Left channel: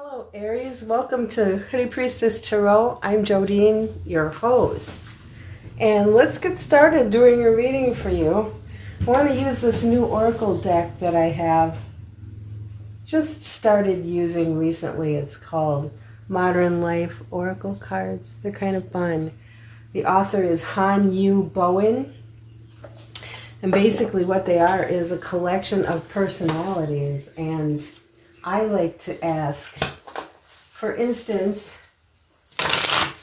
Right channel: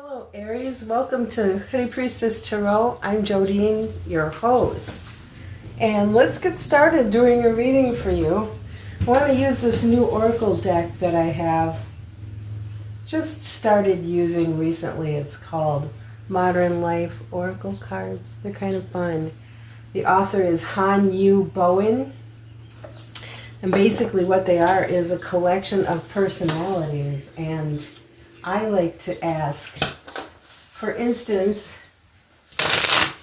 Hello Aries, welcome to Hoodie Priestess Tarot. I'm Jodine, your host. And let's get started doing a reading for you. I want to use this new oracle deck that I have just started using recently. It's called Modern Life Oracle Cards. They're kind of fun. The author is Han Yu Bowen. And basically what they are is a collection of personalities. And I like to ask, for instance,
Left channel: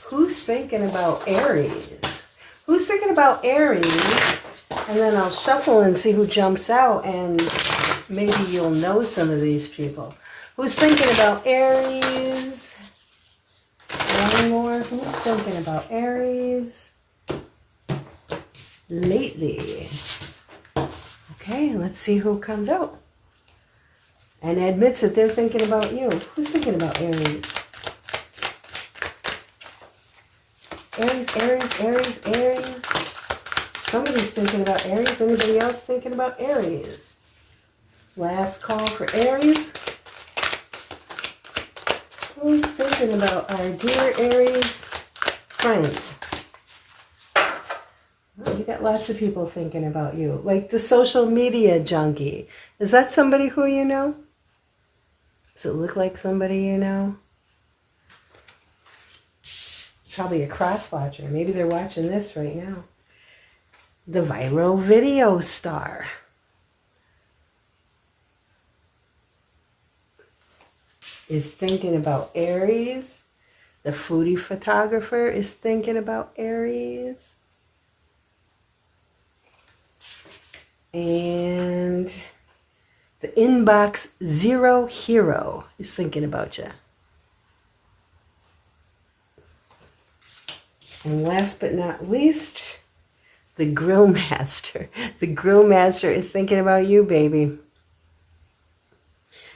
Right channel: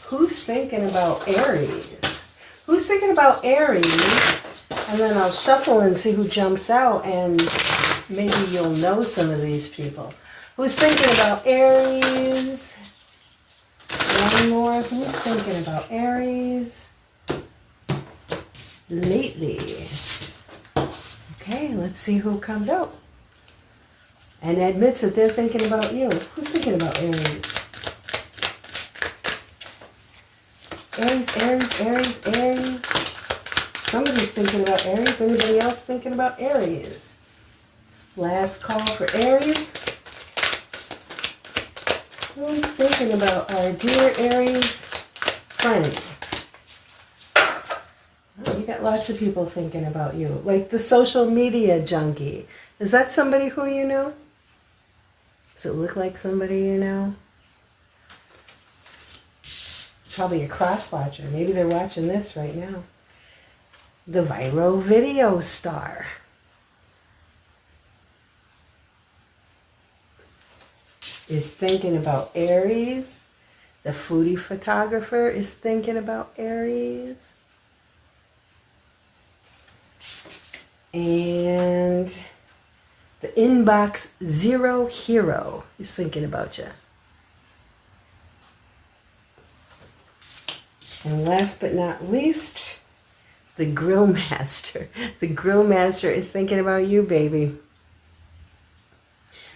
who's thinking about Aries? Who's thinking about Aries? And then I'll shuffle and see who jumps out, and maybe you'll know some of these people. Who's thinking about Aries? One more. Who's thinking about Aries lately? Okay, let's see who comes out and admits that they're thinking about you. Who's thinking about Aries? Aries, Aries, Aries, Aries. Somebody's thinking about Aries. Anybody else thinking about Aries? Last call for Aries. Who's thinking about our dear Aries friends? Oh, you got lots of people thinking about you. Like the social media junkie. Is that somebody who you know? Does it look like somebody you know? Probably a crosswatcher. Maybe they're watching this right now. The viral video star. Is thinking about Aries. The foodie photographer is thinking about Aries. And the inbox zero hero is thinking about you. And last but not least, the grill master. The grill master is thinking about you, baby.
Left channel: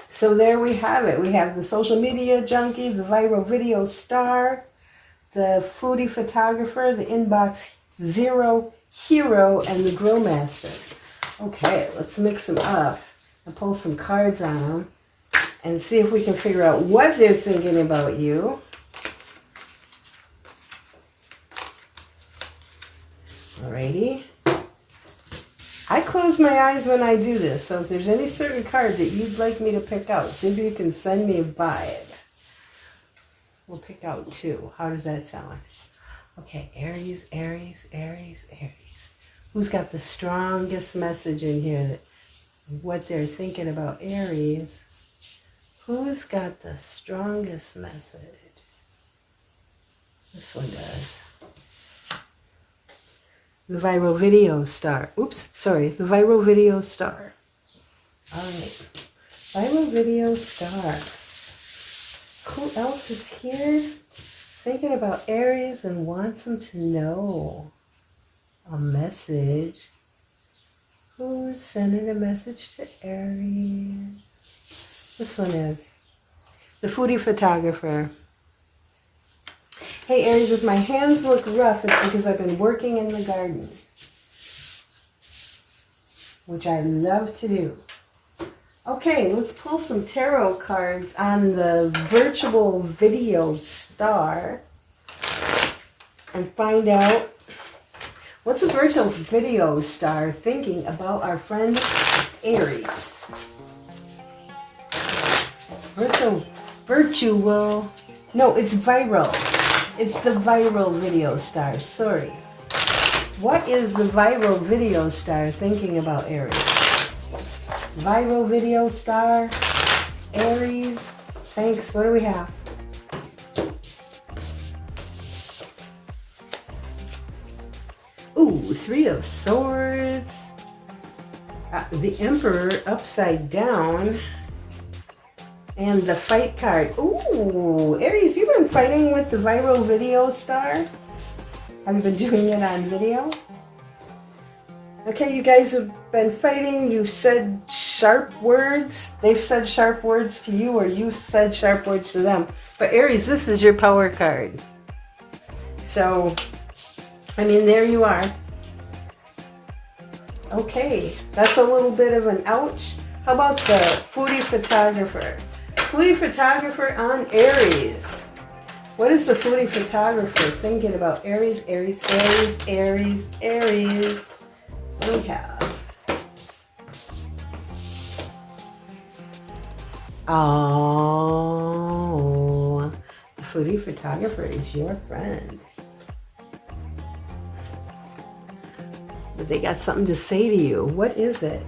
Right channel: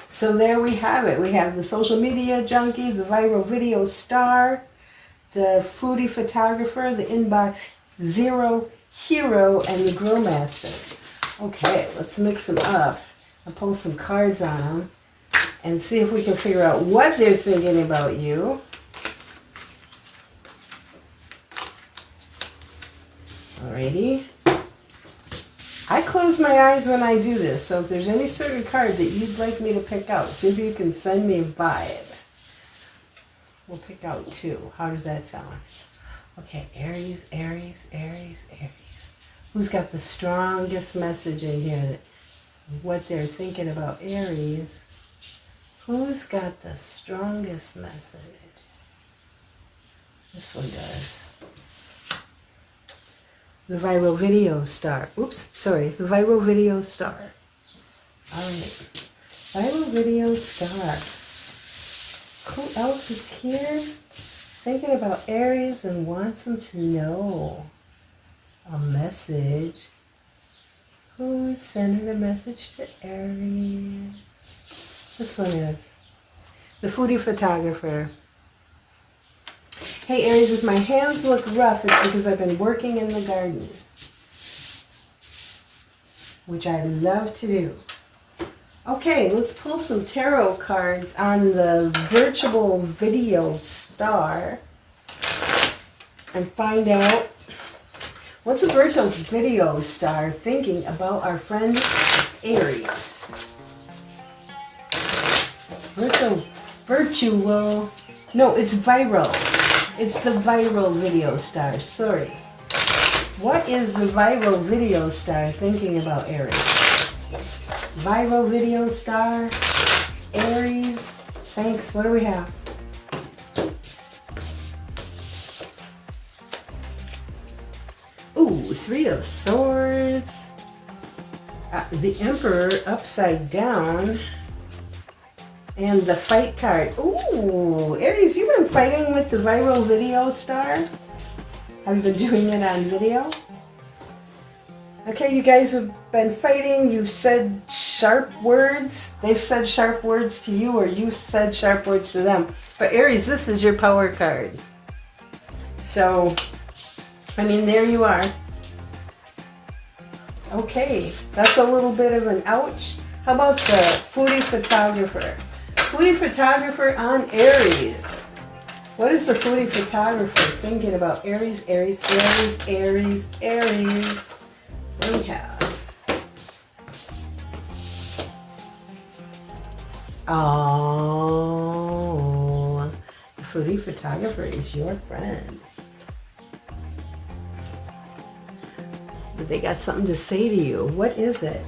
So there we have it. We have the social media junkie, the viral video star, the foodie photographer, the inbox zero hero, and the grill master. Okay, let's mix them up and pull some cards on them and see if we can figure out what they're thinking about you. Alrighty. I close my eyes when I do this, so if there's any certain card that you'd like me to pick out, see if you can send me a vibe. We'll pick out two. How does that sound? Okay, Aries, Aries, Aries, Aries. Who's got the strongest message in here? What they're thinking about Aries. Who's got the strongest message? This one does. The viral video star. Oops, sorry. The viral video star. All right. Viral video star. Who else is here thinking about Aries and wants them to know a message? Who's sending a message to Aries? This one is the foodie photographer. Hey Aries, if my hands look rough, it's because I've been working in the garden, which I love to do. Okay, let's pull some tarot cards on the virtual video star and find out what's a virtual video star thinking about our friend Aries. No, it's viral. It's the viral video star, sorry. What is the viral video star thinking about Aries? Viral video star, Aries. Thanks, what do we have? Ooh, Three of Swords. The Emperor upside down. And the fight card. Ooh, Aries, you've been fighting with the viral video star? Have you been doing it on video? Okay, you guys have been fighting. You've said sharp words. They've said sharp words to you, or you've said sharp words to them. But Aries, this is your power card. So, I mean, there you are. Okay, that's a little bit of an ouch. How about the foodie photographer? Foodie photographer on Aries. What is the foodie photographer thinking about Aries, Aries, Aries, Aries, Aries? We have. Oh, the foodie photographer is your friend. But they got something to say to you. What is it?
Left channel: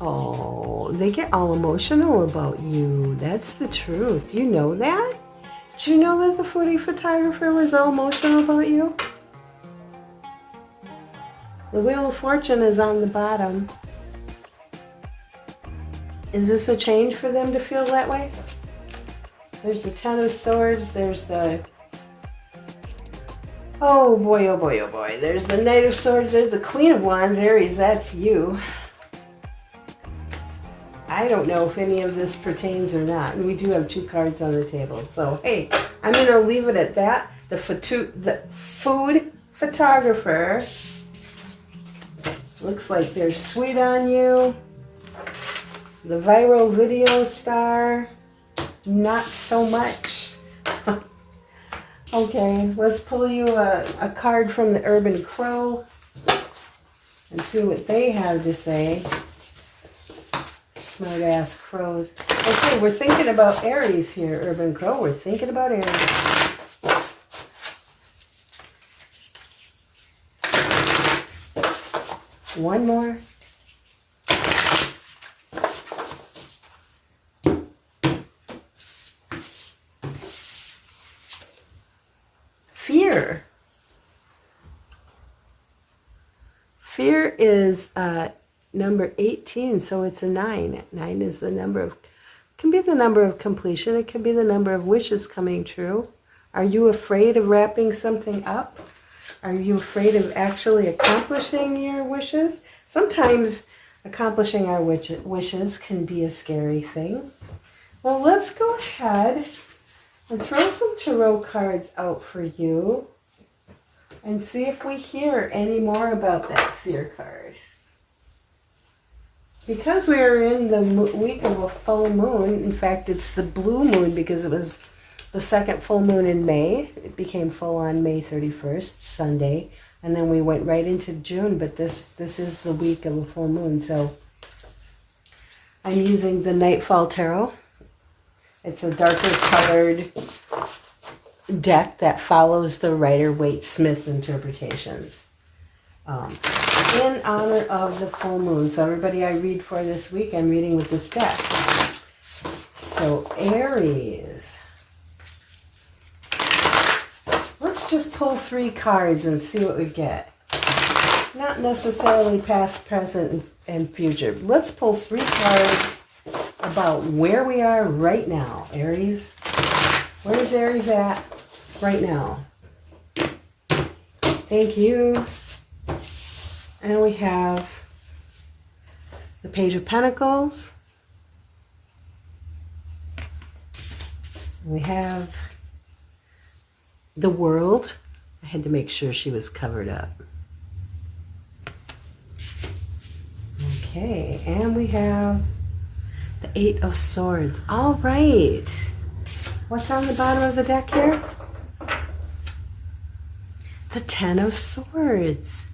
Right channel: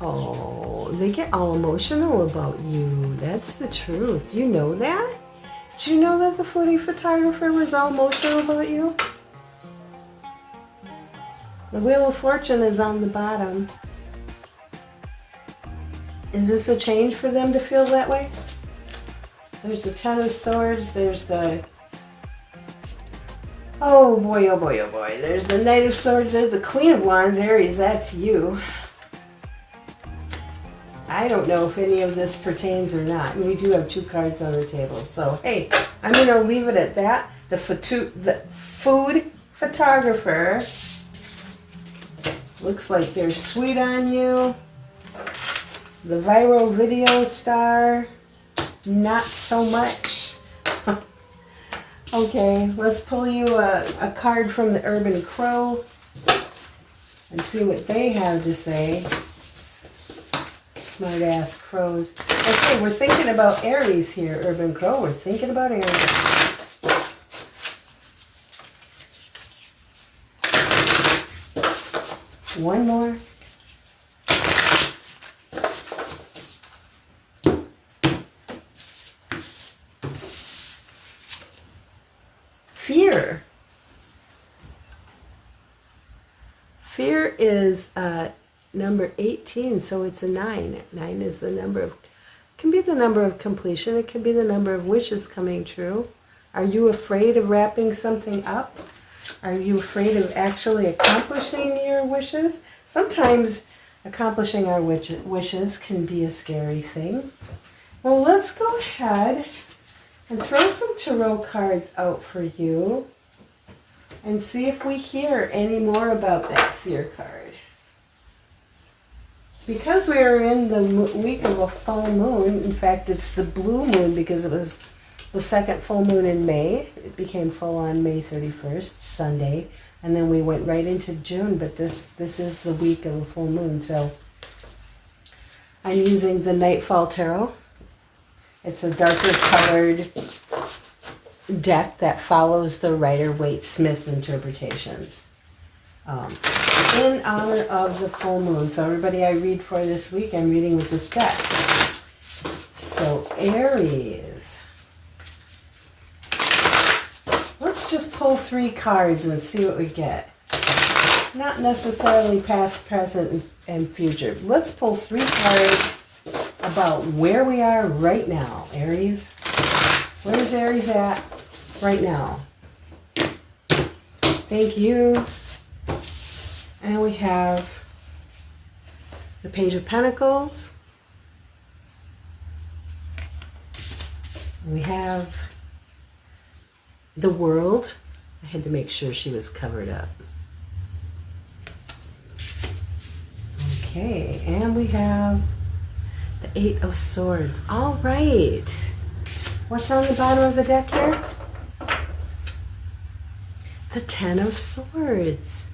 Oh, they get all emotional about you. That's the truth. Do you know that? Did you know that the foodie photographer was all emotional about you? The Wheel of Fortune is on the bottom. Is this a change for them to feel that way? There's the Ten of Swords. There's the... Oh boy, oh boy, oh boy. There's the Knight of Swords. There's the Queen of Wands. Aries, that's you. I don't know if any of this pertains or not. And we do have 2 cards on the table. So, hey, I'm going to leave it at that. The food photographer looks like they're sweet on you. The viral video star, not so much. Okay, let's pull you a card from the Urban Crow and see what they have to say. Smart ass crows. Okay, we're thinking about Aries here, Urban Crow. We're thinking about Aries. One more. Fear. Fear is number 18, so it's a 9. 9 is the number of, can be the number of completion. It can be the number of wishes coming true. Are you afraid of wrapping something up? Are you afraid of actually accomplishing your wishes? Sometimes accomplishing our wishes can be a scary thing. Well, let's go ahead and throw some tarot cards out for you and see if we hear any more about that fear card. Because we are in the week of a full moon, in fact, it's the blue moon because it was the second full moon in May. It became full on May 31st, Sunday, and then we went right into June, but this is the week of a full moon, so I'm using the Nightfall Tarot. It's a darker colored deck that follows the Rider-Waite-Smith interpretations. In honor of the full moon. So everybody I read for this week, I'm reading with this deck. So Aries. Let's just pull 3 cards and see what we get. Not necessarily past, present, and future. Let's pull 3 cards about where we are right now. Aries. Where's Aries at right now? Thank you. And we have the Page of Pentacles. We have the World. I had to make sure she was covered up. Okay, and we have the 8 of Swords. All right. What's on the bottom of the deck here? The 10 of Swords.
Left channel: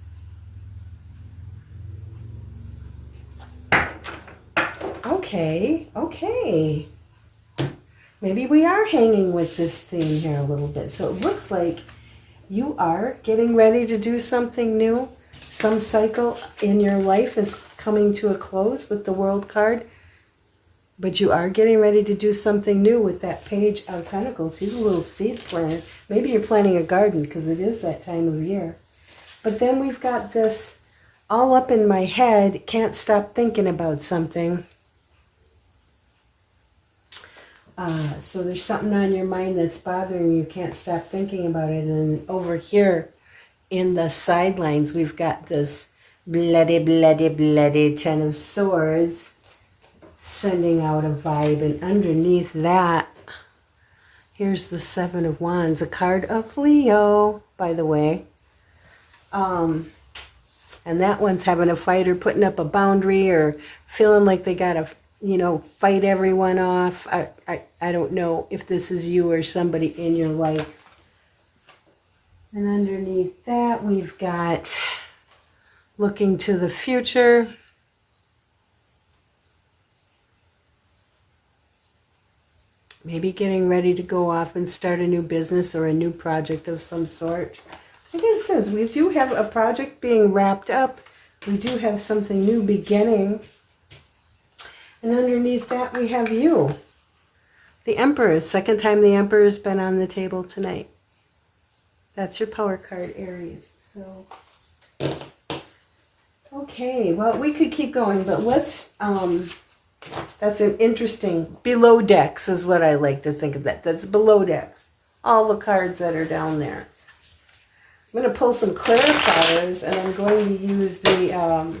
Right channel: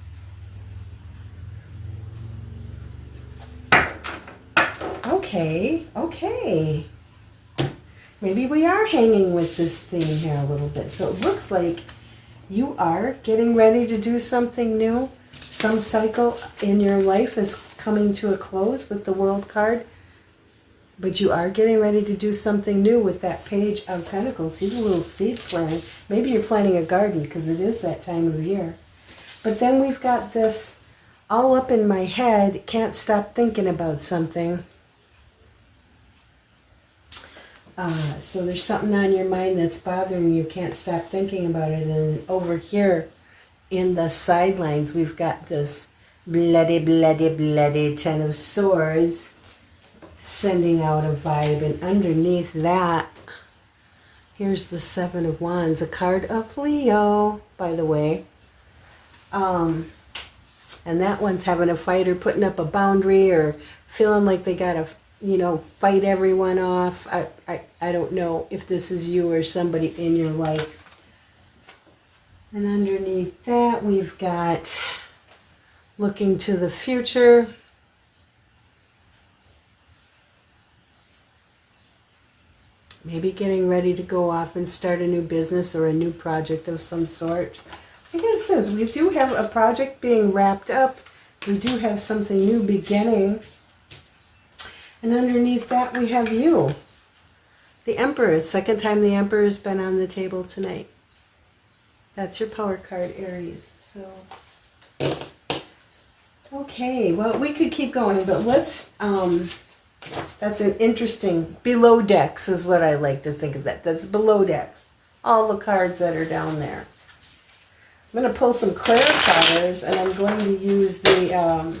Okay. Maybe we are hanging with this theme here a little bit. So it looks like you are getting ready to do something new. Some cycle in your life is coming to a close with the World card. But you are getting ready to do something new with that Page of Pentacles. He's a little seed planter. Maybe you're planting a garden because it is that time of year. But then we've got this all up in my head, can't stop thinking about something. So there's something on your mind that's bothering you, can't stop thinking about it. And over here in the sidelines, we've got this bloody 10 of Swords sending out a vibe. And underneath that, here's the 7 of Wands, a card of Leo, by the way. And that one's having a fight or putting up a boundary or feeling like they got you know, fight everyone off. I don't know if this is you or somebody in your life. And underneath that, we've got looking to the future. Maybe getting ready to go off and start a new business or a new project of some sort. Like it says, we do have a project being wrapped up. We do have something new beginning. And underneath that, we have you. The Emperor. Second time the Emperor has been on the table tonight. That's your power card, Aries. So, okay. Well, we could keep going, but let's... that's an interesting... Below decks is what I like to think of that. That's below decks. All the cards that are down there. I'm going to pull some clarifiers, and I'm going to use the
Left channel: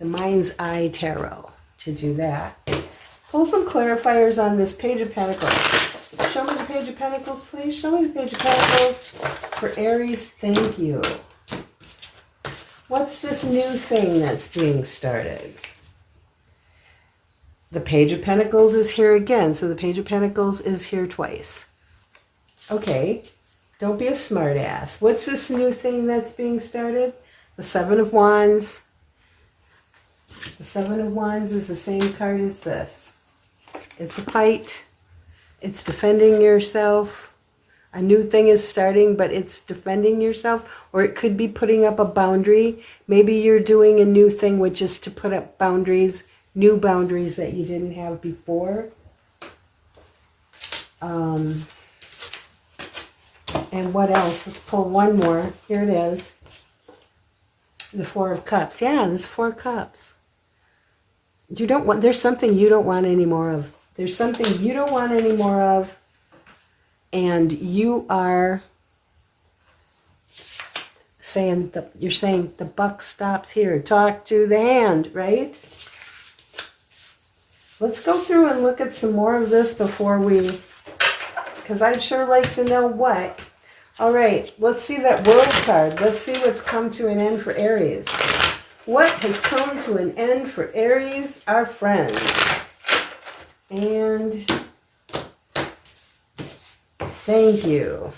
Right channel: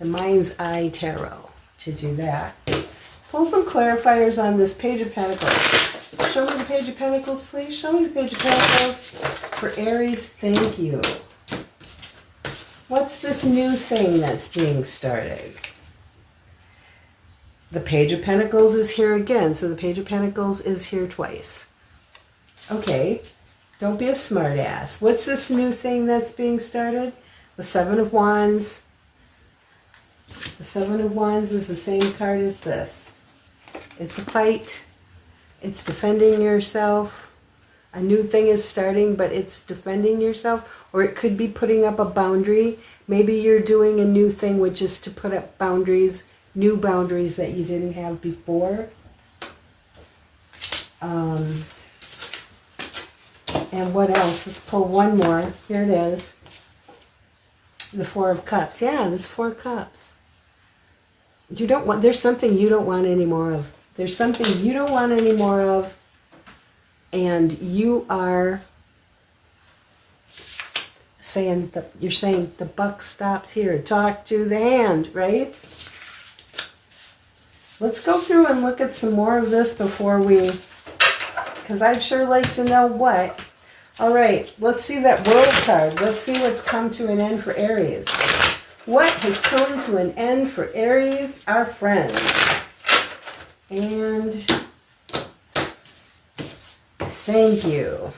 Mind's Eye Tarot to do that. Pull some clarifiers on this Page of Pentacles. Show me the Page of Pentacles, please. Show me the Page of Pentacles for Aries. Thank you. What's this new thing that's being started? The Page of Pentacles is here again, so the Page of Pentacles is here twice. Okay, don't be a smart ass. What's this new thing that's being started? The Seven of Wands. The Seven of Wands is the same card as this. It's a fight. It's defending yourself. A new thing is starting, but it's defending yourself. Or it could be putting up a boundary. Maybe you're doing a new thing, which is to put up boundaries, new boundaries that you didn't have before. And what else? Let's pull one more. Here it is. The Four of Cups. Yeah, there's 4 cups. You don't want, there's something you don't want any more of. There's something you don't want any more of. And you are saying, you're saying the buck stops here. Talk to the hand, right? Let's go through and look at some more of this before we, because I'd sure like to know what. All right, let's see that World card. Let's see what's come to an end for Aries. What has come to an end for Aries, our friends? And thank you.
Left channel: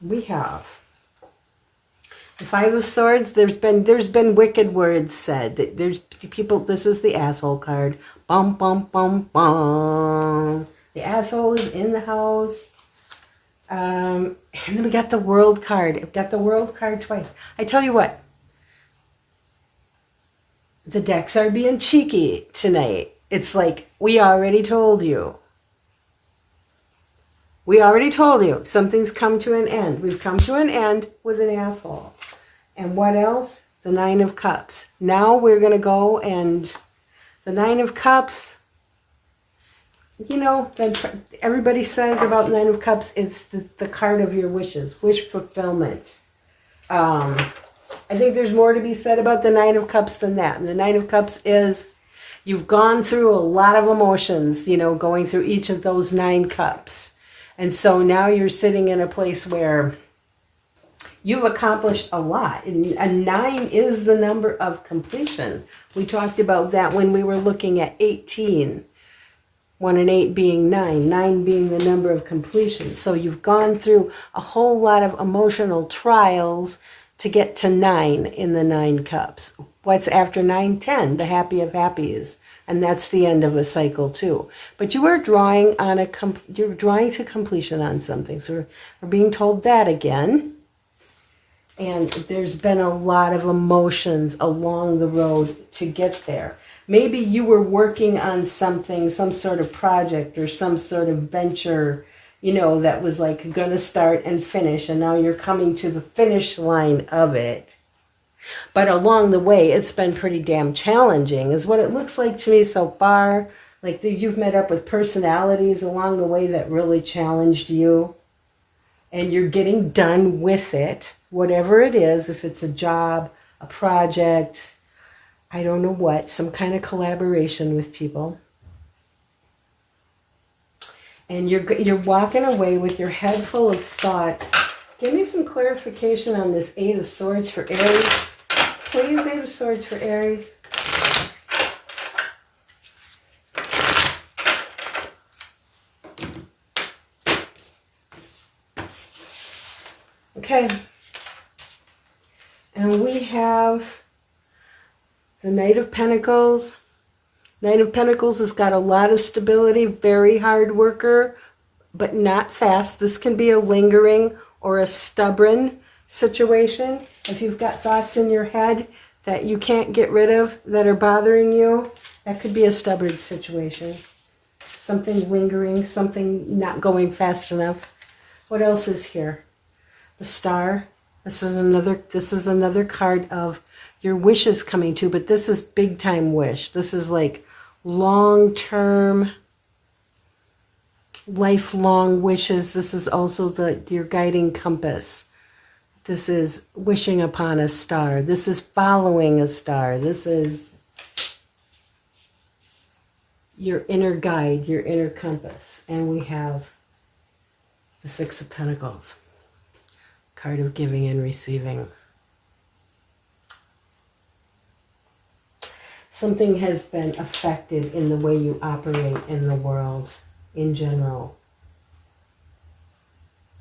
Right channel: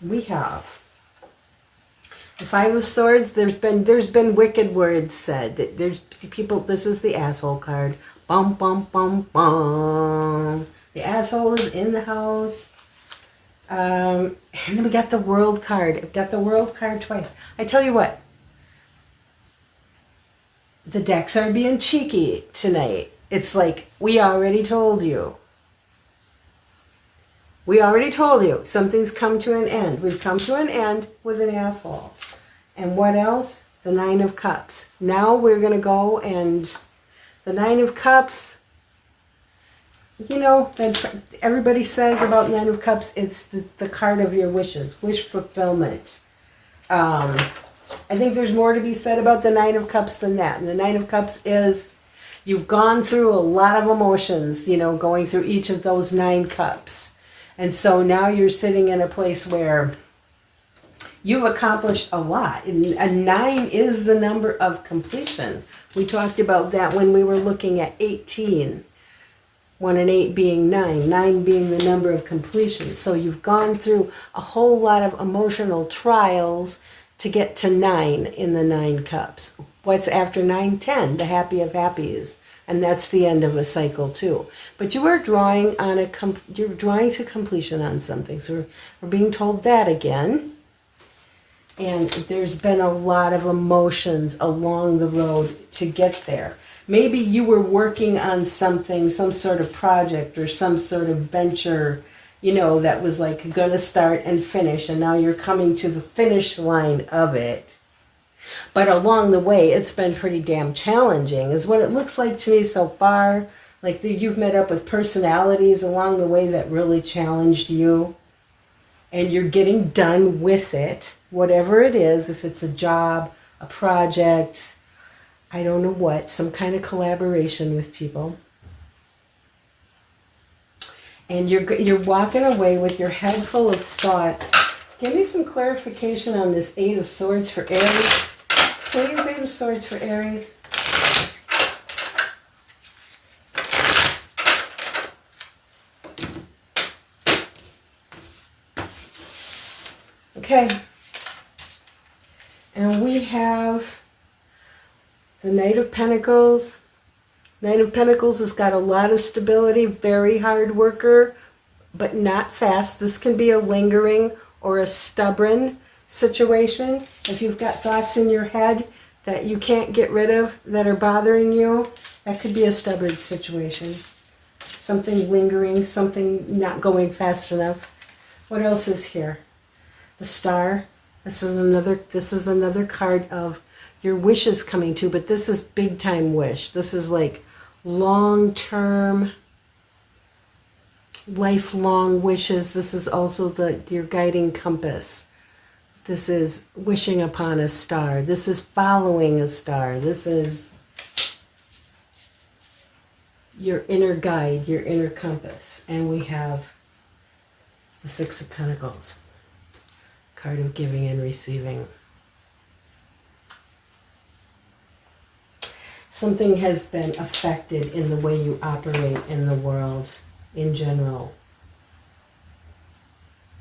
We have the Five of Swords. There's been wicked words said. That there's people. This is the asshole card. Bum bum bum bum. The asshole is in the house. And then we got the World card. We've got the World card twice. I tell you what. The decks are being cheeky tonight. It's like, we already told you. We already told you. Something's come to an end. We've come to an end with an asshole. And what else? The Nine of Cups. Now we're going to go and the Nine of Cups, you know, everybody says about Nine of Cups, it's the card of your wishes, wish fulfillment. I think there's more to be said about the Nine of Cups than that. And the Nine of Cups is, you've gone through a lot of emotions, you know, going through each of those 9 cups. And so now you're sitting in a place where you've accomplished a lot. And a 9 is the number of completion. We talked about that when we were looking at 18. 1 and 8 being 9. 9 being the number of completion. So you've gone through a whole lot of emotional trials to get to 9 in the 9 cups. What's after 9? 10, the happy of happies. And that's the end of a cycle too. But you are drawing on you're drawing to completion on something. So we're being told that again. And there's been a lot of emotions along the road to get there. Maybe you were working on something, some sort of project or some sort of venture, you know, that was like going to start and finish, and now you're coming to the finish line of it. But along the way, it's been pretty damn challenging, is what it looks like to me so far. Like you've met up with personalities along the way that really challenged you, and you're getting done with it, whatever it is, if it's a job, a project, I don't know what, some kind of collaboration with people. And you're walking away with your head full of thoughts. Give me some clarification on this 8 of Swords for Aries. Please, 8 of Swords for Aries. Okay. And we have the Knight of Pentacles. Knight of Pentacles has got a lot of stability, very hard worker, but not fast. This can be a lingering or a stubborn situation. If you've got thoughts in your head that you can't get rid of, that are bothering you, that could be a stubborn situation. Something lingering, something not going fast enough. What else is here? The Star. This is another card of your wishes coming true, but this is big time wish. This is like long-term, lifelong wishes. This is also your guiding compass. This is wishing upon a star. This is following a star. This is your inner guide, your inner compass. And we have the Six of Pentacles, card of giving and receiving. Something has been affected in the way you operate in the world in general,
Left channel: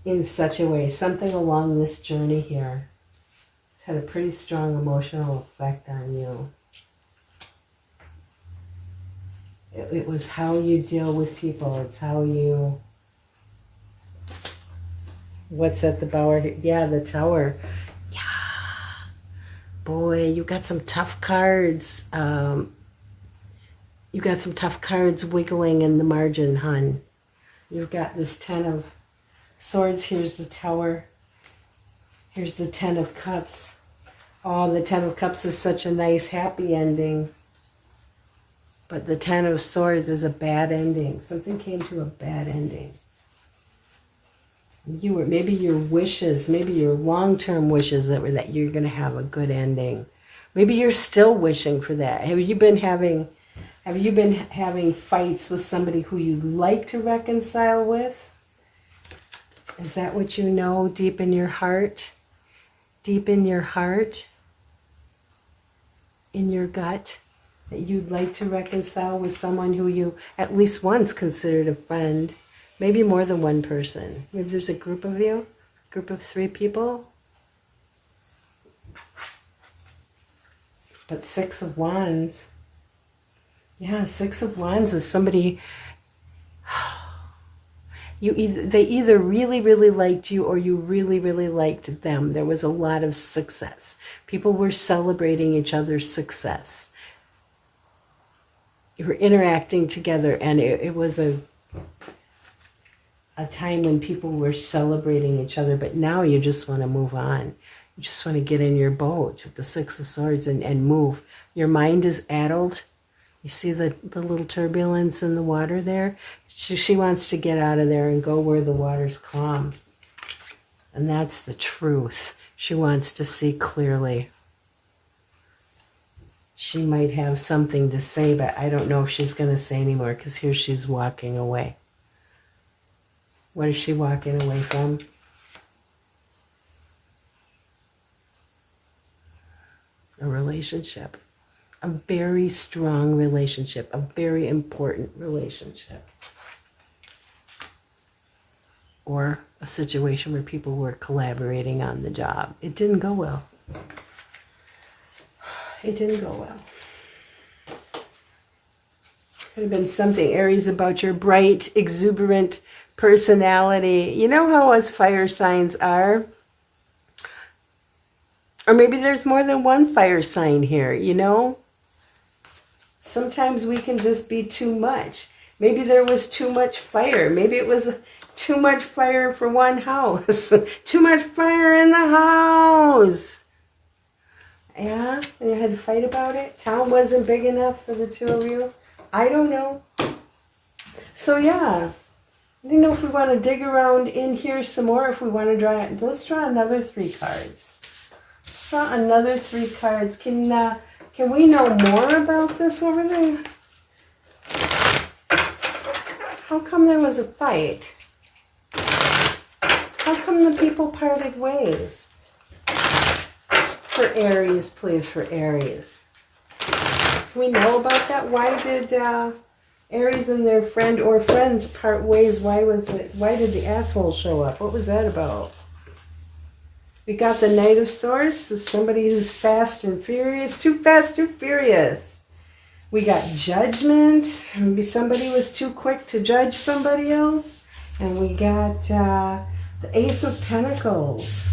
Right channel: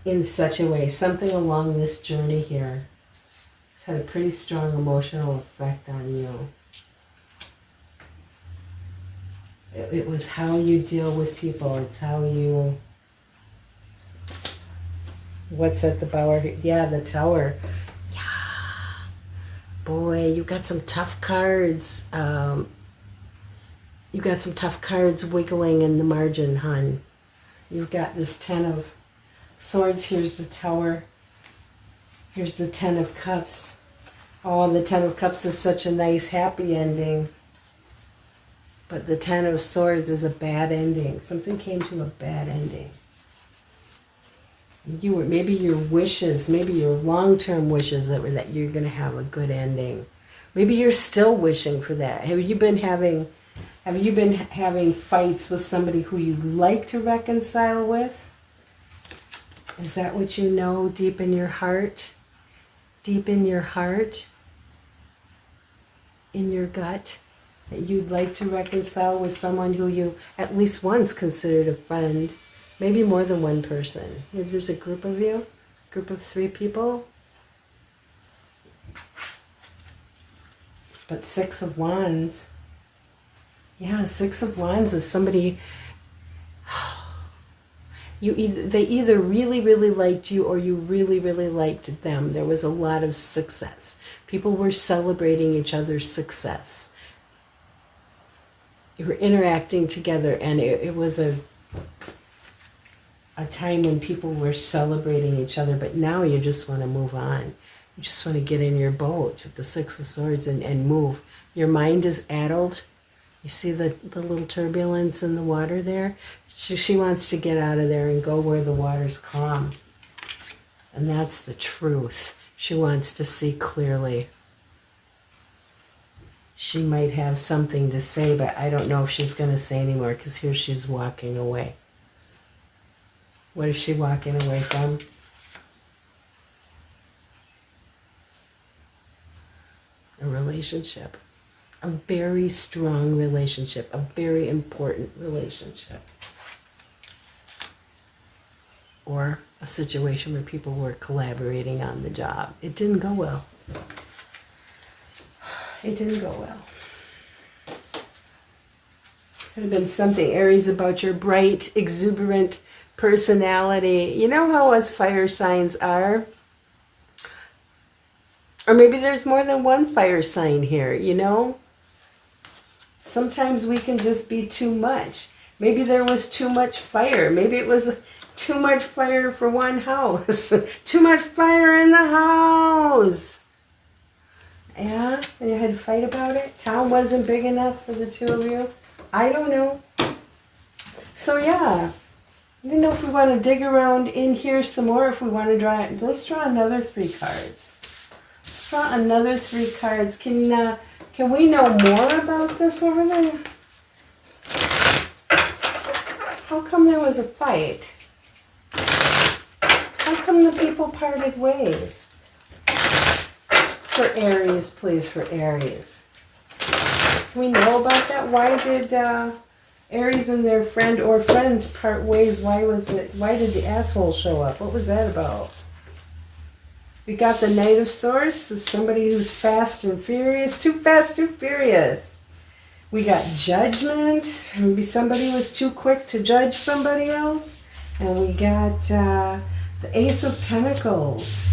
in such a way. Something along this journey here has had a pretty strong emotional effect on you. It was how you deal with people. It's how you... What's at the Bower? Yeah, the Tower. Yeah. Boy, you got some tough cards. You got some tough cards wiggling in the margin, hun. You've got this Ten of Swords. Here's the Tower. Here's the Ten of Cups. Oh, the Ten of Cups is such a nice, happy ending. But the Ten of Swords is a bad ending. Something came to a bad ending. Maybe your wishes, maybe your long-term wishes that you're going to have a good ending. Maybe you're still wishing for that. Have you been having fights with somebody who you'd like to reconcile with? Is that what you know deep in your heart? Deep in your heart? In your gut? That you'd like to reconcile with someone who you at least once considered a friend? Maybe more than one person. Maybe there's a group of you, group of 3 people. But Six of Wands. Yeah, Six of Wands was somebody... They either really, really liked you or you really, really liked them. There was a lot of success. People were celebrating each other's success. You were interacting together, and it was a time when people were celebrating each other, but now you just want to move on. You just want to get in your boat with the Six of Swords and move. Your mind is addled. You see the little turbulence in the water there? She wants to get out of there and go where the water's calm. And that's the truth. She wants to see clearly. She might have something to say, but I don't know if she's going to say anymore, because here she's walking away. What is she walking away from? A relationship. A very strong relationship. A very important relationship. Or a situation where people were collaborating on the job. It didn't go well. It didn't go well. Could have been something, Aries, about your bright, exuberant personality. You know how us fire signs are? Or maybe there's more than one fire sign here, you know? Sometimes we can just be too much. Maybe there was too much fire. Maybe it was too much fire for one house. Too much fire in the house. Yeah, and you had to fight about it. Town wasn't big enough for the 2 of you. I don't know. So yeah, I don't know if we want to dig around in here some more. If we want to draw it, let's draw another 3 cards. Let's draw another 3 cards. Can we know more about this over there? How come there was a fight? How come the people parted ways? For Aries, please, for Aries. Can we know about that? Why did Aries and their friend or friends part ways? Why did the asshole show up? What was that about? We got the Knight of Swords. This is somebody who's fast and furious. Too fast, too furious. We got Judgment. Maybe somebody was too quick to judge somebody else. And we got the Ace of Pentacles.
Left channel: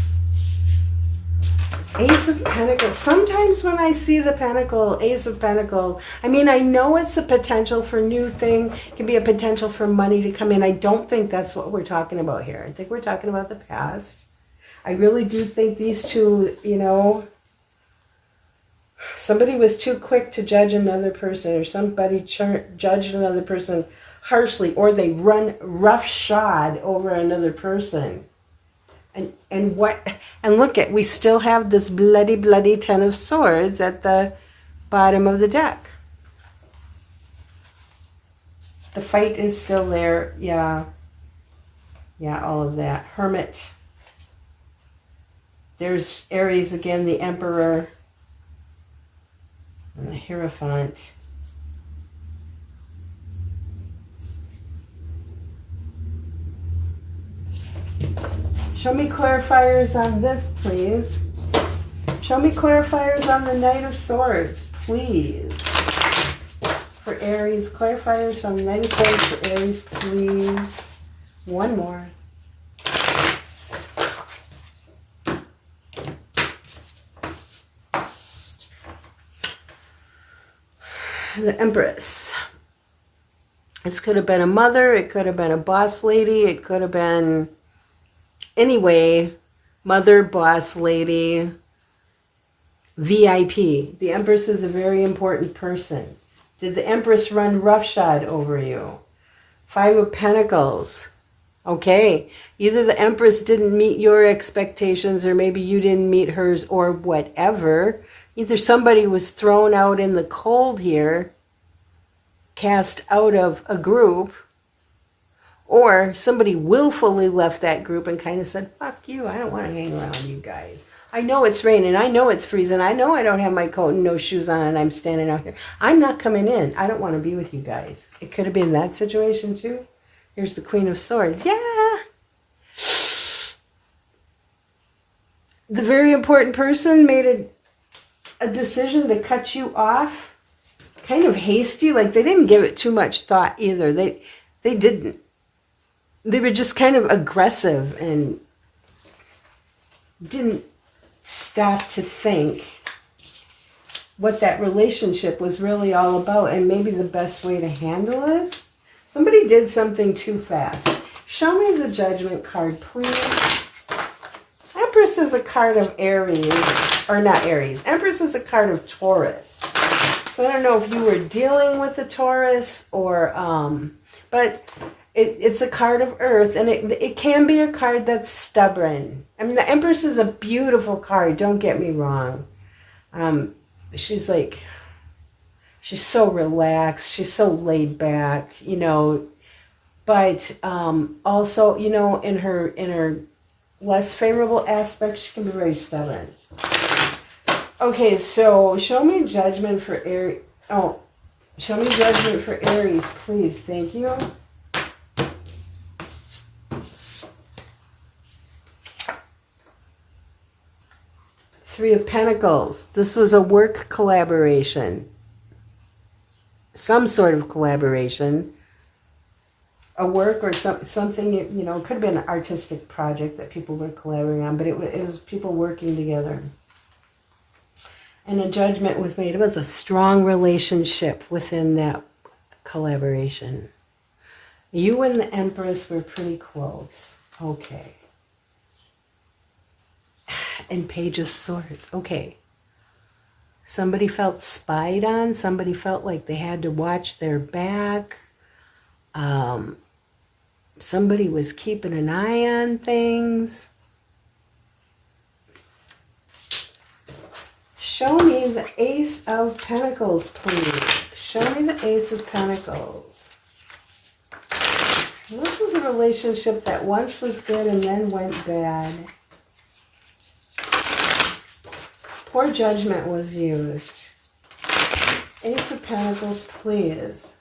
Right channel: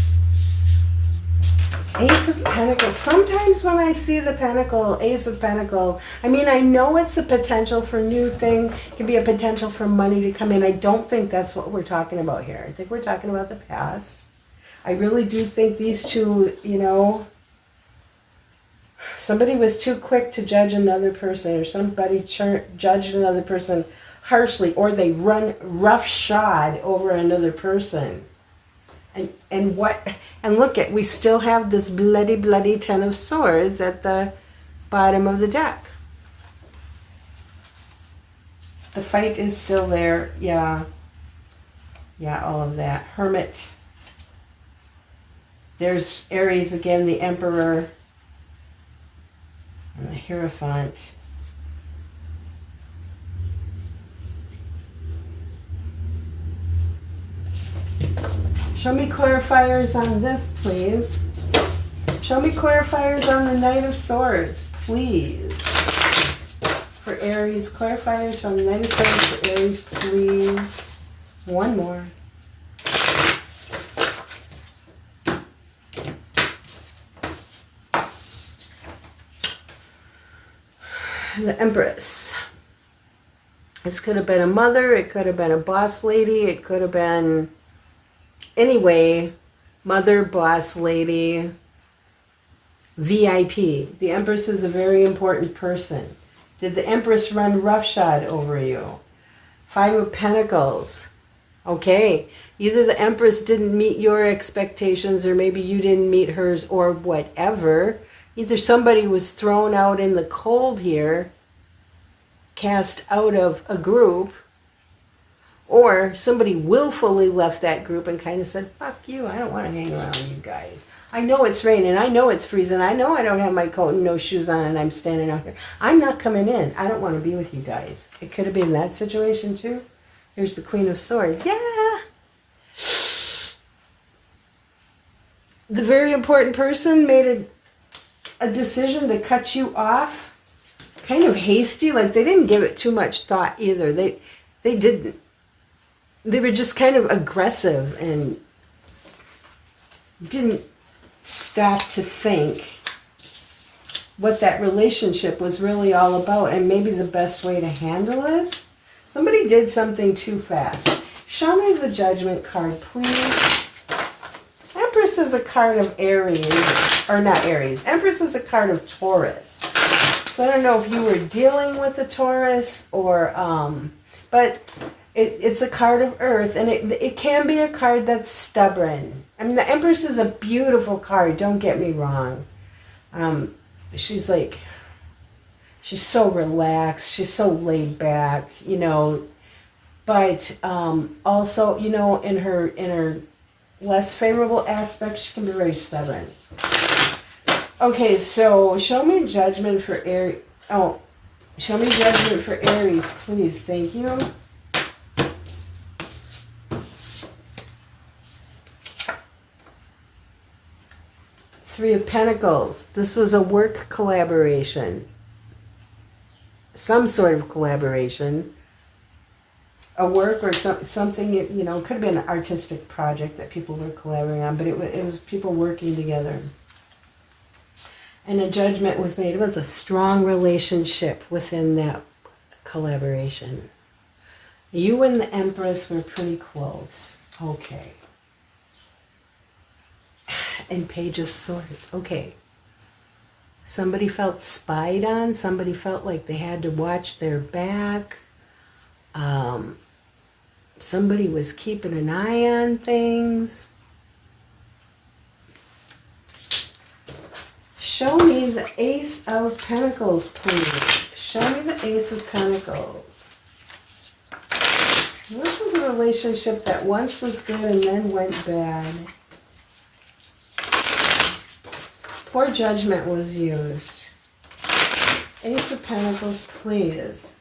Ace of Pentacles. Sometimes when I see the Pentacle, Ace of Pentacles, I mean, I know it's a potential for new thing. It can be a potential for money to come in. I don't think that's what we're talking about here. I think we're talking about the past. I really do think these two, you know, somebody was too quick to judge another person, or somebody judged another person harshly, or they run roughshod over another person. And look at, we still have this bloody Ten of Swords at the bottom of the deck. The fight is still there. Yeah, all of that. Hermit. There's Aries again, the Emperor, and the Hierophant. Show me clarifiers on this, please. Show me clarifiers on the Knight of Swords, please. For Aries, clarifiers on the Knight of Swords for Aries, please. One more. The Empress. This could have been a mother, it could have been a boss lady, it could have been, anyway, mother, boss lady, VIP. The Empress is a very important person. Did the Empress run roughshod over you? Five of Pentacles. Okay, either the Empress didn't meet your expectations, or maybe you didn't meet hers, or whatever. Either somebody was thrown out in the cold here, cast out of a group, or somebody willfully left that group and kind of said, fuck you, I don't want to hang around with you guys. I know it's raining, I know it's freezing, I know I don't have my coat and no shoes on and I'm standing out here. I'm not coming in. I don't want to be with you guys. It could have been that situation too. Here's the Queen of Swords. Yeah. The very important person made a decision to cut you off. Kind of hasty, like they didn't give it too much thought either. They didn't. They were just kind of aggressive and didn't stop to think what that relationship was really all about and maybe the best way to handle it. Somebody did something too fast. Show me the Judgment card, please. Empress is a card of Aries, or not Aries. Empress is a card of Taurus. So I don't know if you were dealing with a Taurus or, but it's a card of Earth, and it can be a card that's stubborn. I mean, the Empress is a beautiful card, don't get me wrong. She's so relaxed, she's so laid back, you know, but also, you know, in her less favorable aspects, she can be very stubborn. Okay, so show me Judgment for Aries. Oh, show me Judgment for Aries, please. Thank you. Three of Pentacles. This was a work collaboration. Some sort of collaboration. A work or something, you know, could have been an artistic project that people were collaborating on, but it was people working together. And a judgment was made. It was a strong relationship within that collaboration. You and the Empress were pretty close. Okay. And Page of Swords. Okay. Somebody felt spied on. Somebody felt like they had to watch their back. Somebody was keeping an eye on things. Show me the Ace of Pentacles, please. Show me the Ace of Pentacles. This was a relationship that once was good and then went bad. Poor judgment was used. Ace of Pentacles, please.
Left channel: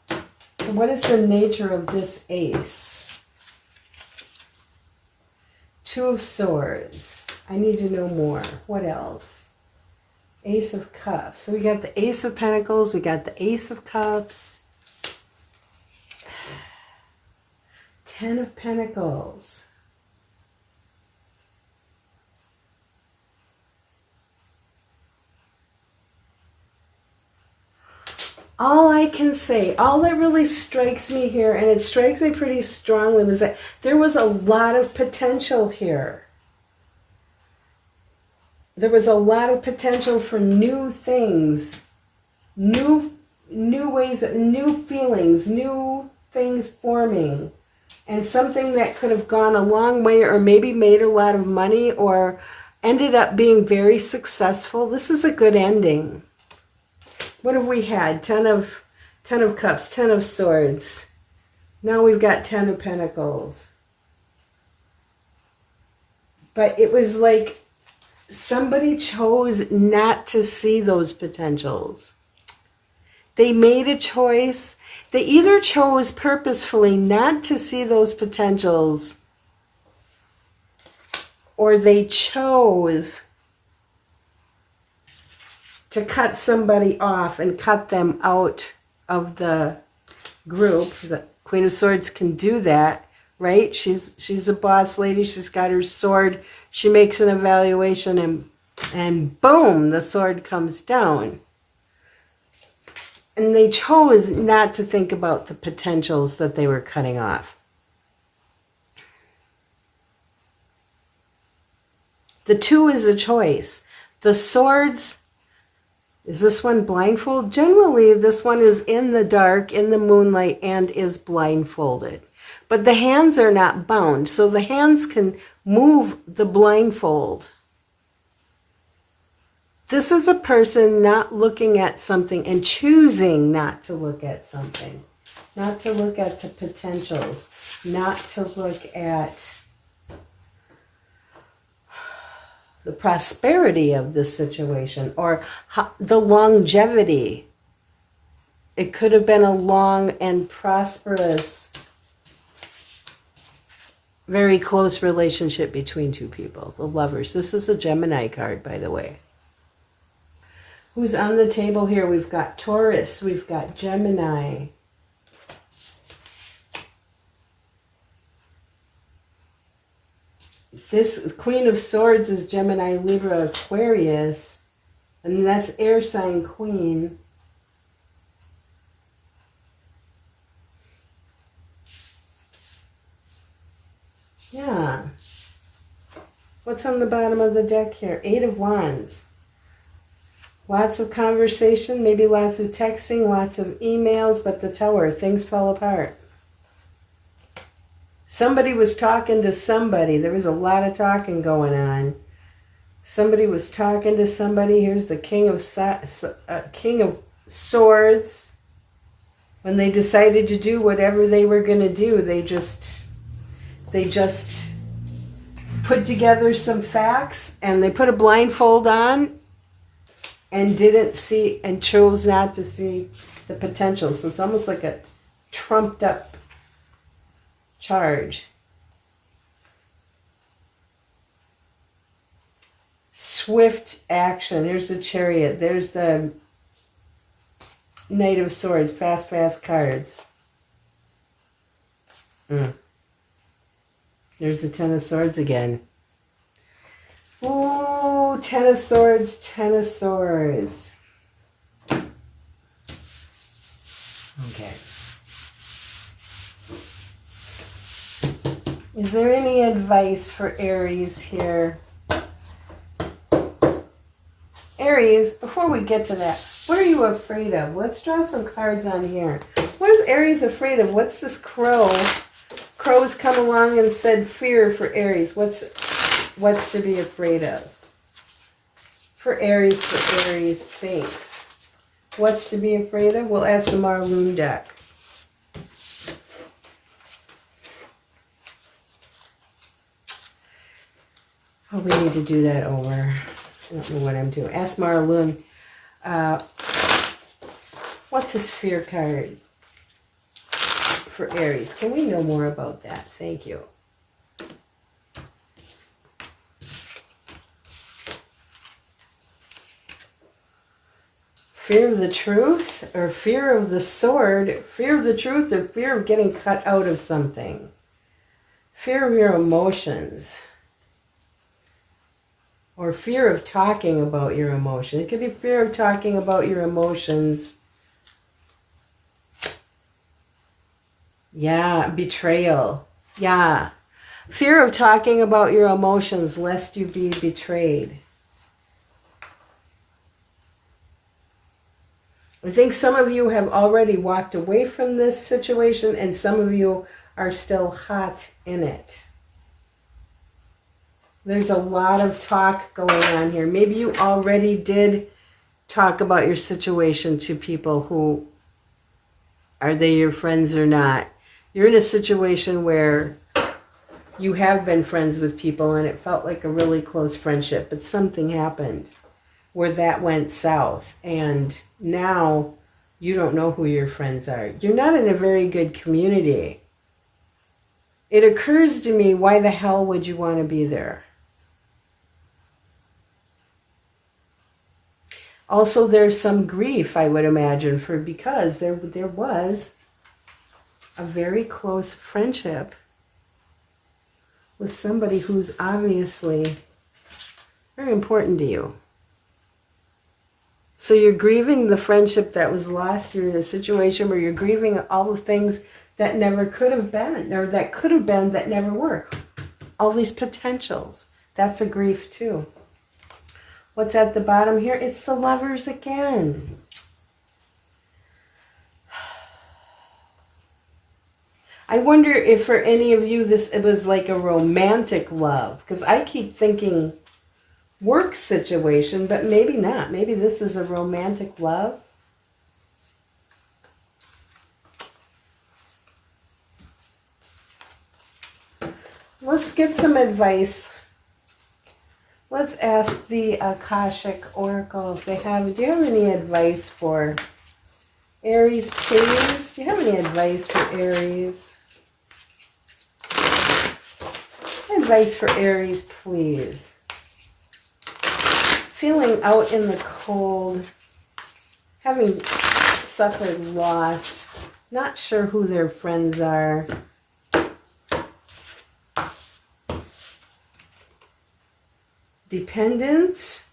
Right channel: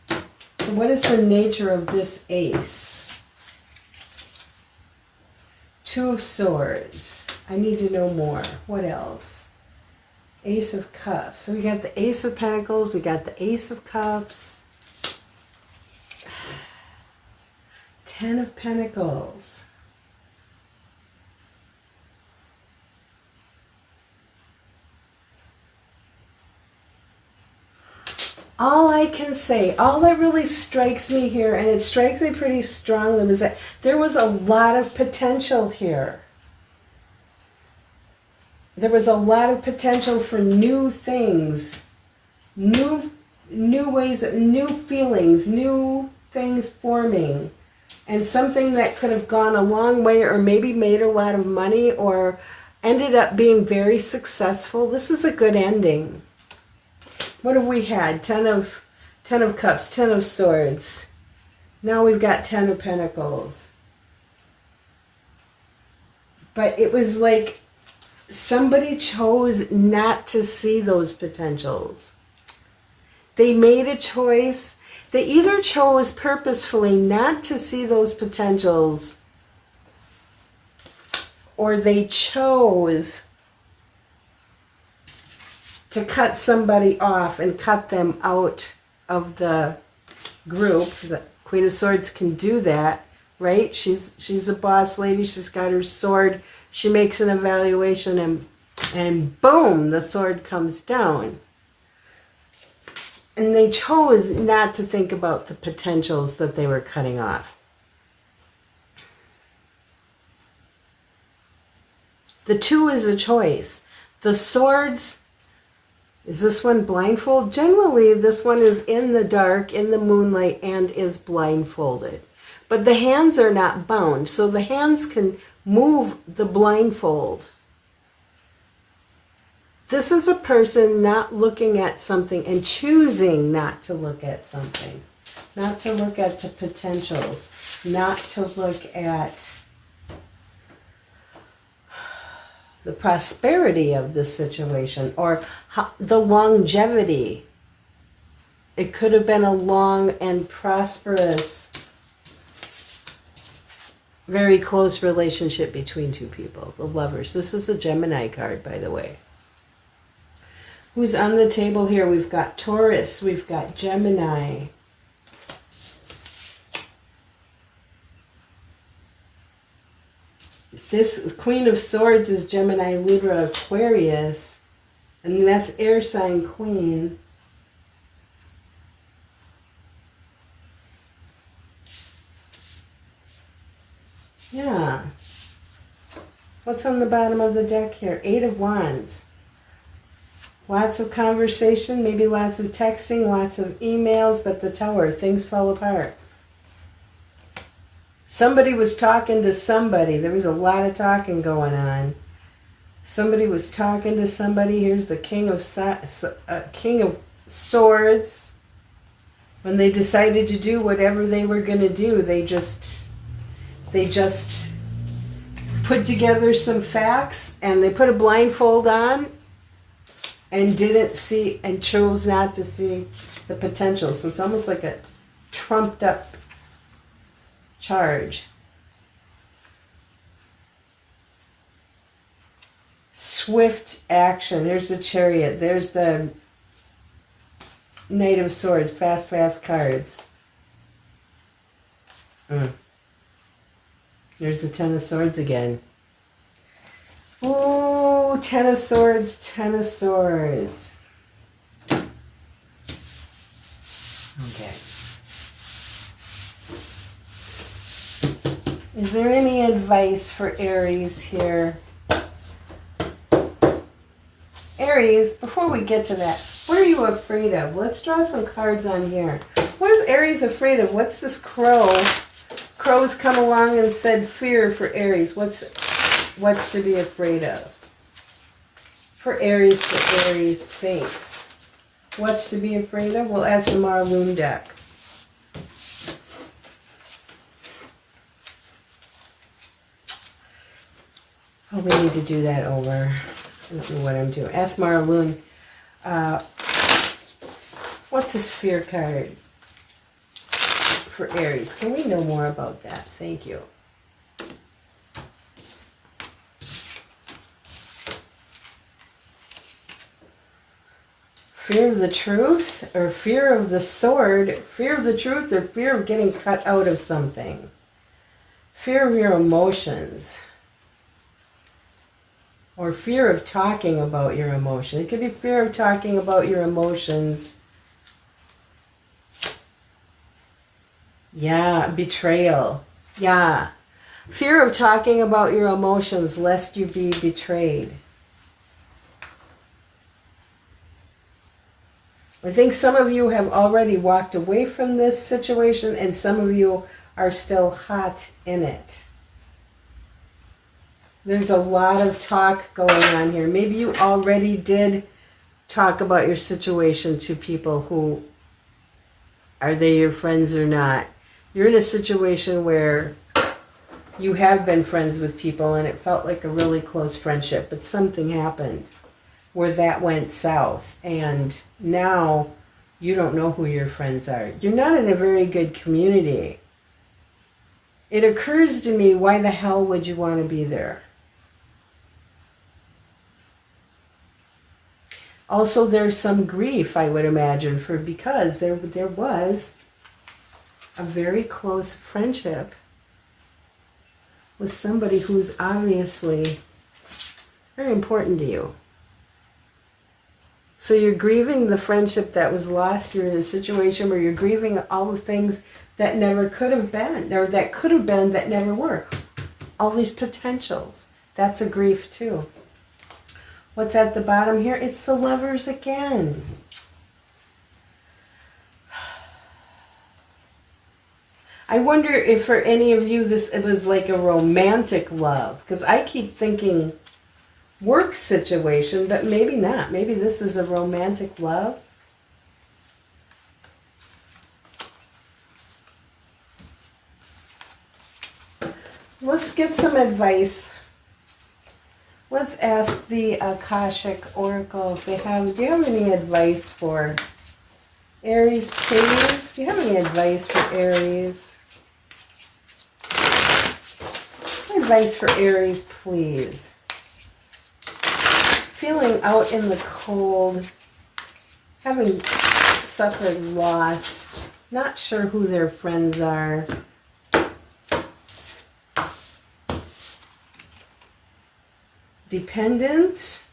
What is the nature of this ace? Two of Swords. I need to know more. What else? Ace of Cups. So we got the Ace of Pentacles. We got the Ace of Cups. 10 of Pentacles. All I can say, all that really strikes me here, and it strikes me pretty strongly, was that there was a lot of potential here. There was a lot of potential for new things, new ways, new feelings, new things forming, and something that could have gone a long way, or maybe made a lot of money, or ended up being very successful. This is a good ending. What have we had? 10 of Cups, 10 of Swords. Now we've got 10 of Pentacles. But it was like somebody chose not to see those potentials. They made a choice. They either chose purposefully not to see those potentials, or they chose to cut somebody off and cut them out of the group. The Queen of Swords can do that, right? She's a boss lady. She's got her sword. She makes an evaluation, and boom, the sword comes down. And they chose not to think about the potentials that they were cutting off. The 2 is a choice. The Swords, is this one blindfolded? Generally, this one is in the dark, in the moonlight, and is blindfolded. But the hands are not bound, so the hands can move the blindfold. This is a person not looking at something and choosing not to look at something. Not to look at the potentials. Not to look at the prosperity of this situation, or the longevity. It could have been a long and prosperous, very close relationship between two people, the Lovers. This is a Gemini card, by the way. Who's on the table here? We've got Taurus, we've got Gemini. This Queen of Swords is Gemini, Libra, Aquarius. And that's air sign queen. Yeah. What's on the bottom of the deck here? 8 of Wands. Lots of conversation, maybe lots of texting, lots of emails, but the Tower, things fell apart. Somebody was talking to somebody. There was a lot of talking going on. Somebody was talking to somebody. Here's the King of Swords. When they decided to do whatever they were going to do, they just put together some facts, and they put a blindfold on and didn't see, and chose not to see the potential. So it's almost like a trumped up charge. Swift action. There's the Chariot. There's the Knight of Swords. Fast, fast cards. There's the Ten of Swords again. Ooh, Ten of Swords, Ten of Swords. Okay. Is there any advice for Aries here? Aries, before we get to that, what are you afraid of? Let's draw some cards on here. What is Aries afraid of? What's this crow? Crow's come along and said fear for Aries. What's to be afraid of? For Aries thinks. What's to be afraid of? We'll ask the Lunne deck. Oh, we need to do that over. I don't know what I'm doing. Ask Lunne. What's his fear card for Aries? Can we know more about that? Thank you. Fear of the truth or fear of the sword, fear of the truth or fear of getting cut out of something. Fear of your emotions. Or fear of talking about your emotions. It could be fear of talking about your emotions. Yeah, betrayal. Yeah. Fear of talking about your emotions lest you be betrayed. I think some of you have already walked away from this situation and some of you are still hot in it. There's a lot of talk going on here. Maybe you already did talk about your situation to people who, are they your friends or not? You're in a situation where you have been friends with people and it felt like a really close friendship, but something happened where that went south and now you don't know who your friends are. You're not in a very good community. It occurs to me, why the hell would you want to be there? Also, there's some grief, I would imagine, because there was a very close friendship with somebody who's obviously very important to you. So you're grieving the friendship that was lost. You're in a situation where you're grieving all the things that never could have been, or that could have been that never were. All these potentials. That's a grief too. What's at the bottom here? It's the Lovers again. I wonder if for any of you it was like a romantic love, because I keep thinking work situation, but maybe not. Maybe this is a romantic love. Let's get some advice. Let's ask the Akashic Oracle if they have. Do you have any advice for Aries, please? Do you have any advice for Aries? Advice for Aries, please. Feeling out in the cold, having suffered loss, not sure who their friends are. Dependence.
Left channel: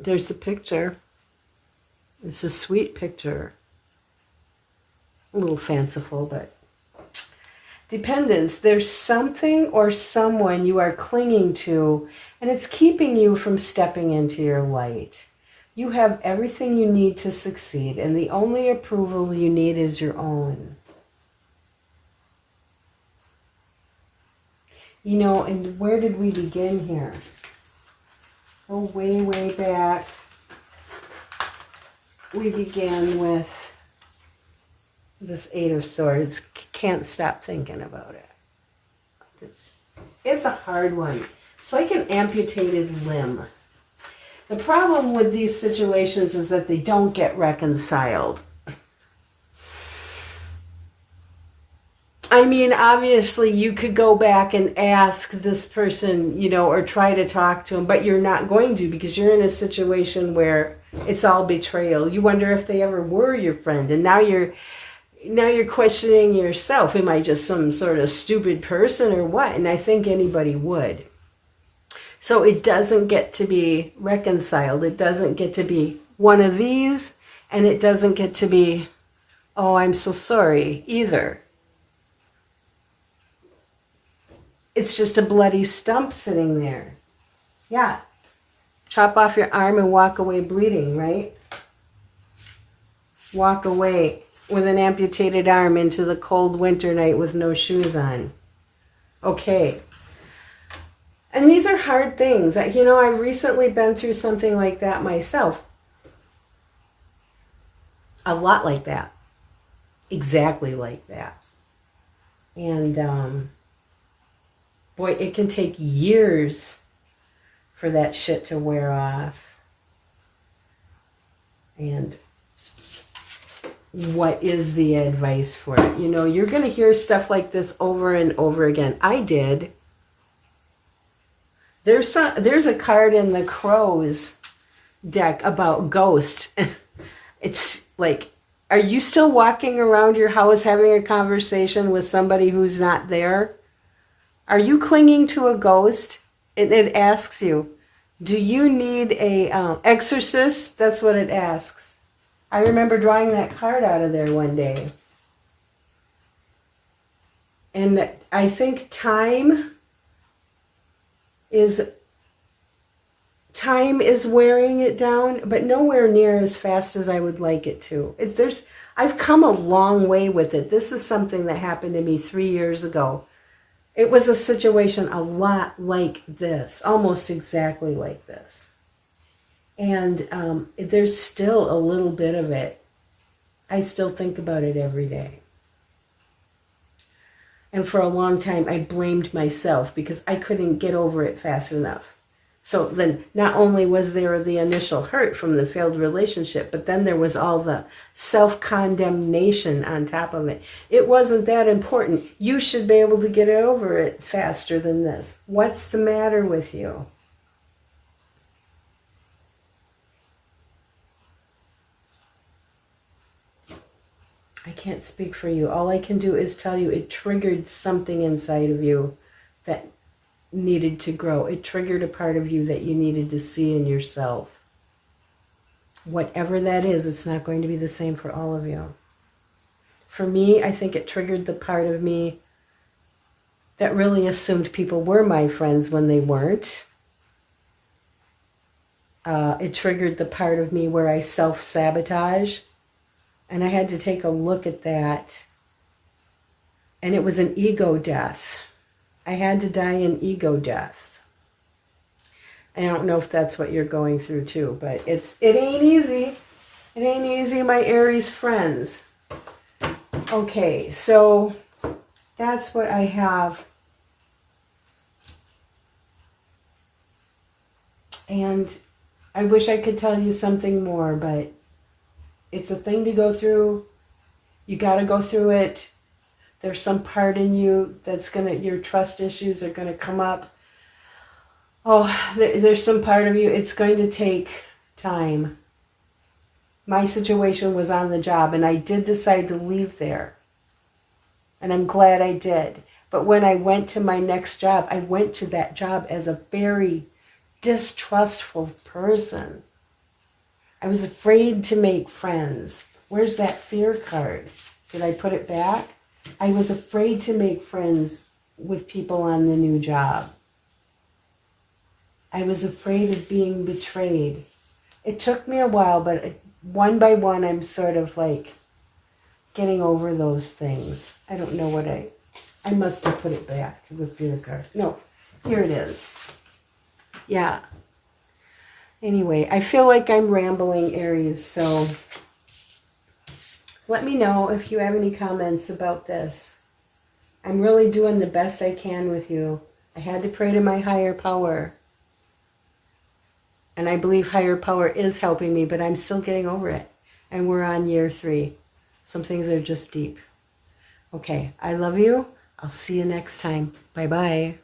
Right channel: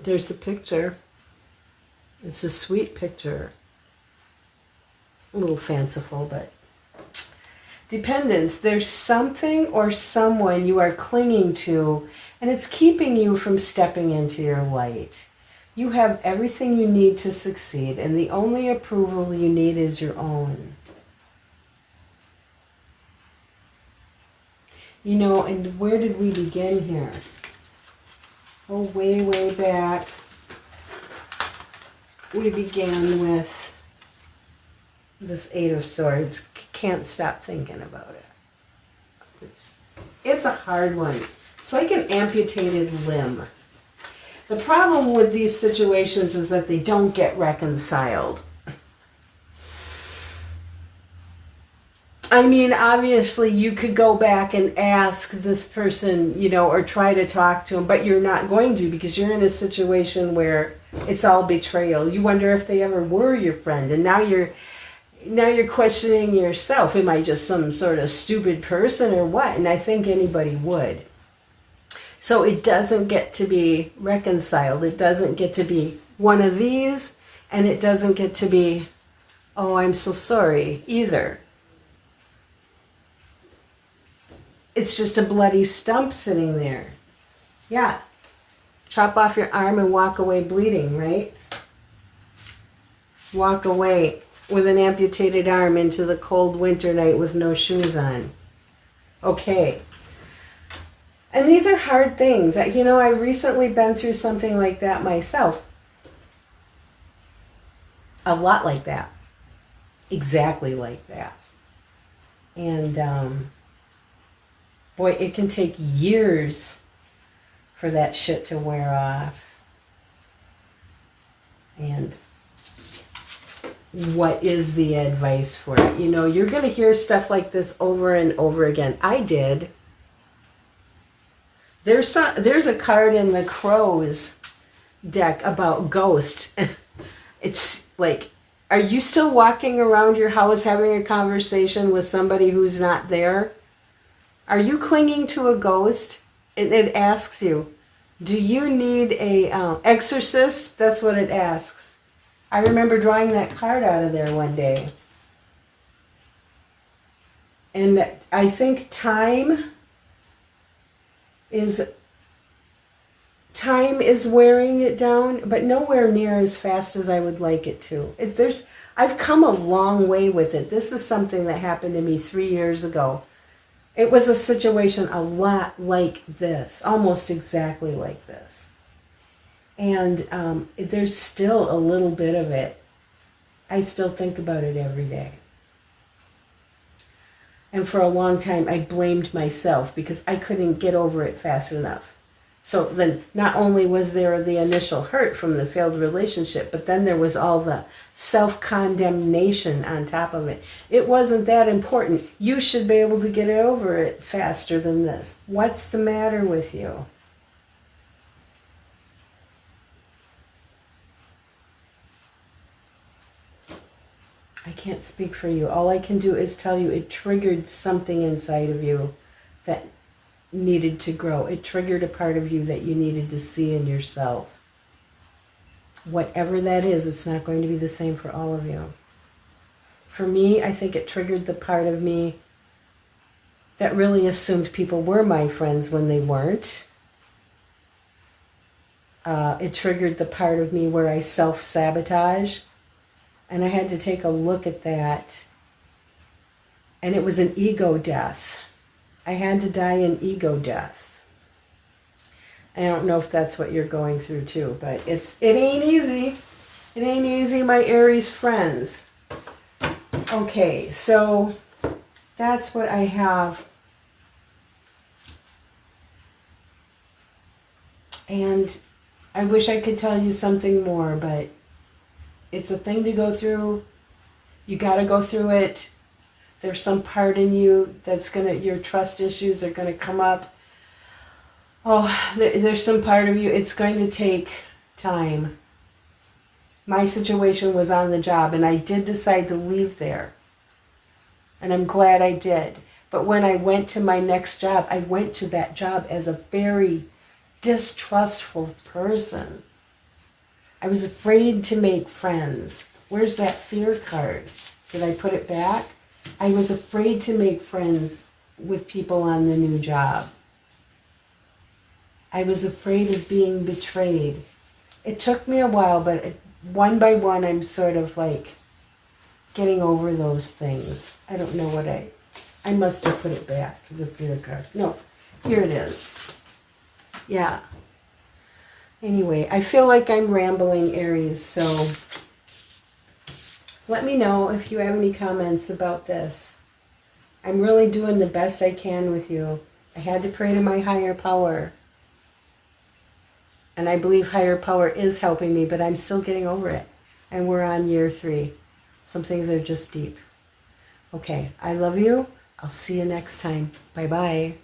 There's the picture. It's a sweet picture. A little fanciful, but dependence. There's something or someone you are clinging to, and it's keeping you from stepping into your light. You have everything you need to succeed, and the only approval you need is your own. You know, and where did we begin here? Oh, way, way back. We began with this Eight of Swords. Can't stop thinking about it. It's a hard one. It's like an amputated limb. The problem with these situations is that they don't get reconciled. I mean, obviously, you could go back and ask this person, you know, or try to talk to them, but you're not going to because you're in a situation where it's all betrayal. You wonder if they ever were your friend, and now you're questioning yourself. Am I just some sort of stupid person or what? And I think anybody would. So it doesn't get to be reconciled. It doesn't get to be one of these, and it doesn't get to be, oh, I'm so sorry either. It's just a bloody stump sitting there. Yeah. Chop off your arm and walk away bleeding, right? Walk away with an amputated arm into the cold winter night with no shoes on. Okay. And these are hard things. You know, I've recently been through something like that myself. A lot like that. Exactly like that. And, boy, it can take years for that shit to wear off. And what is the advice for it? You know, you're going to hear stuff like this over and over again. I did. There's a card in the Crows deck about ghost. It's like, are you still walking around your house having a conversation with somebody who's not there? Are you clinging to a ghost? It asks you, do you need a exorcist? That's what it asks. I remember drawing that card out of there one day. And I think time is wearing it down, but nowhere near as fast as I would like it to. I've come a long way with it. This is something that happened to me 3 years ago. It was a situation a lot like this, almost exactly like this. And there's still a little bit of it. I still think about it every day. And for a long time, I blamed myself because I couldn't get over it fast enough. So then not only was there the initial hurt from the failed relationship, but then there was all the self-condemnation on top of it. It wasn't that important. You should be able to get over it faster than this. What's the matter with you? I can't speak for you. All I can do is tell you it triggered something inside of you that needed to grow. It triggered a part of you that you needed to see in yourself. Whatever that is, it's not going to be the same for all of you. For me, I think it triggered the part of me that really assumed people were my friends when they weren't. It triggered the part of me where I self-sabotage. And I had to take a look at that. And it was an ego death. I had to die an ego death. I don't know if that's what you're going through too, but it ain't easy. It ain't easy, my Aries friends. Okay, so that's what I have. And I wish I could tell you something more, but it's a thing to go through. You got to go through it. There's some part in you that's your trust issues are going to come up. Oh, there's some part of you, it's going to take time. My situation was on the job, and I did decide to leave there. And I'm glad I did. But when I went to my next job, I went to that job as a very distrustful person. I was afraid to make friends. Where's that fear card? Did I put it back? I was afraid to make friends with people on the new job. I was afraid of being betrayed. It took me a while, but one by one, I'm sort of like getting over those things. I don't know what I must have put it back for the fear card. No, here it is. Yeah. Anyway, I feel like I'm rambling, Aries, so let me know if you have any comments about this. I'm really doing the best I can with you. I had to pray to my higher power. And I believe higher power is helping me, but I'm still getting over it. And we're on year 3. Some things are just deep. Okay, I love you. I'll see you next time. Bye-bye.